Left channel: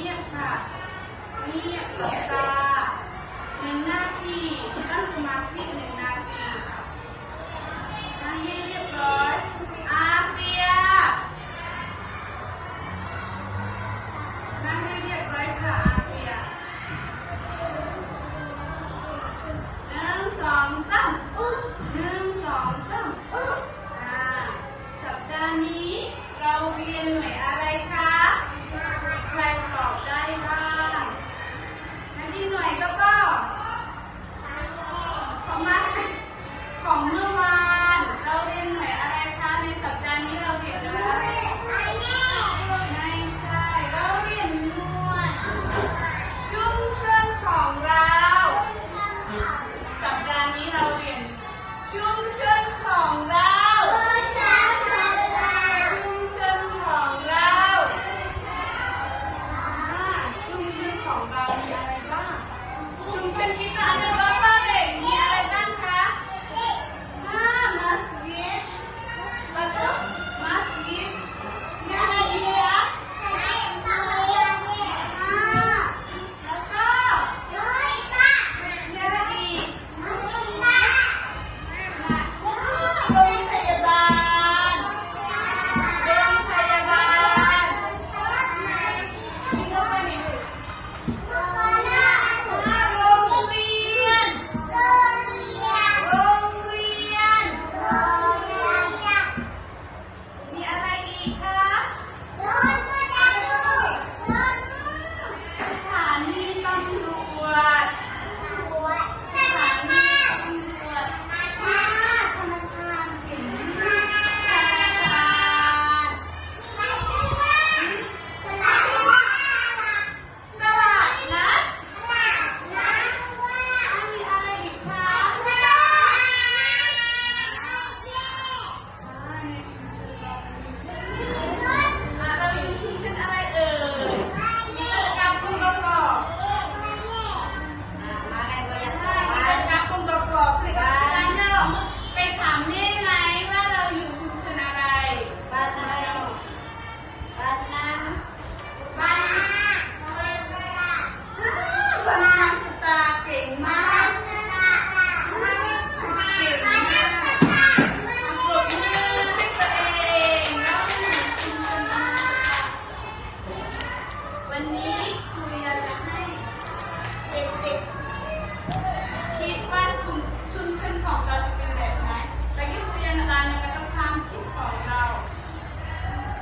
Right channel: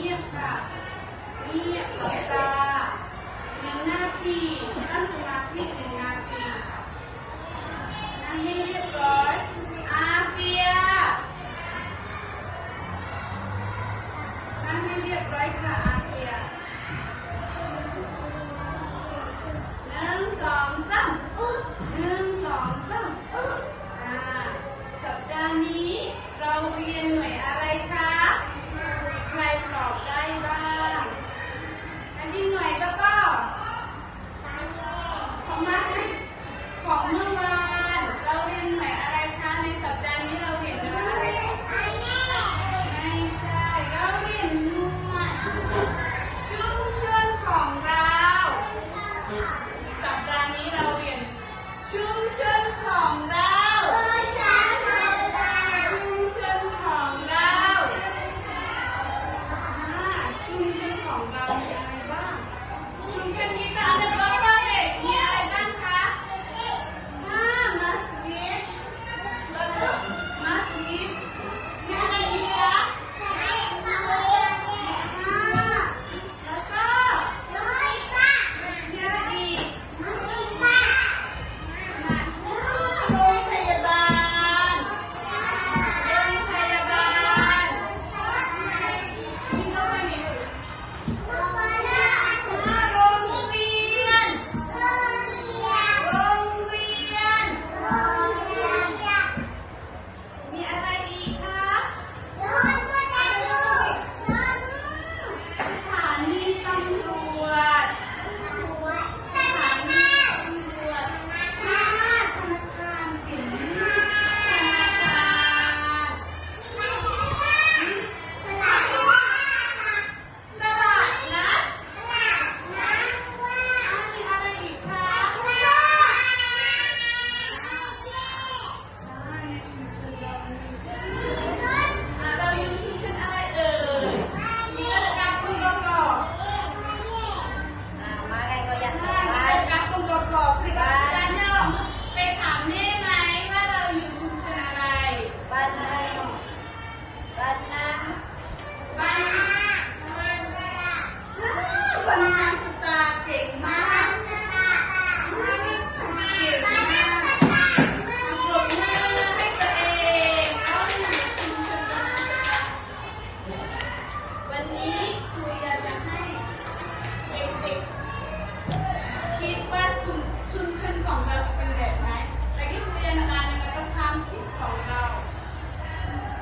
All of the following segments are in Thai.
เงียบค่ะเงียบกับตาเป็นหน้าที่นั่งสมาธิหนึ่งนะ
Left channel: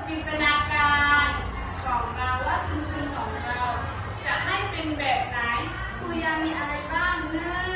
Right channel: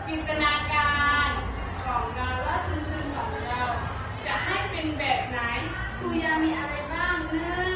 จินตนาการของเราและชุมชนของเรา จะให้เป็นแบบไหนคุยามีอะไรบ้างเนื้อ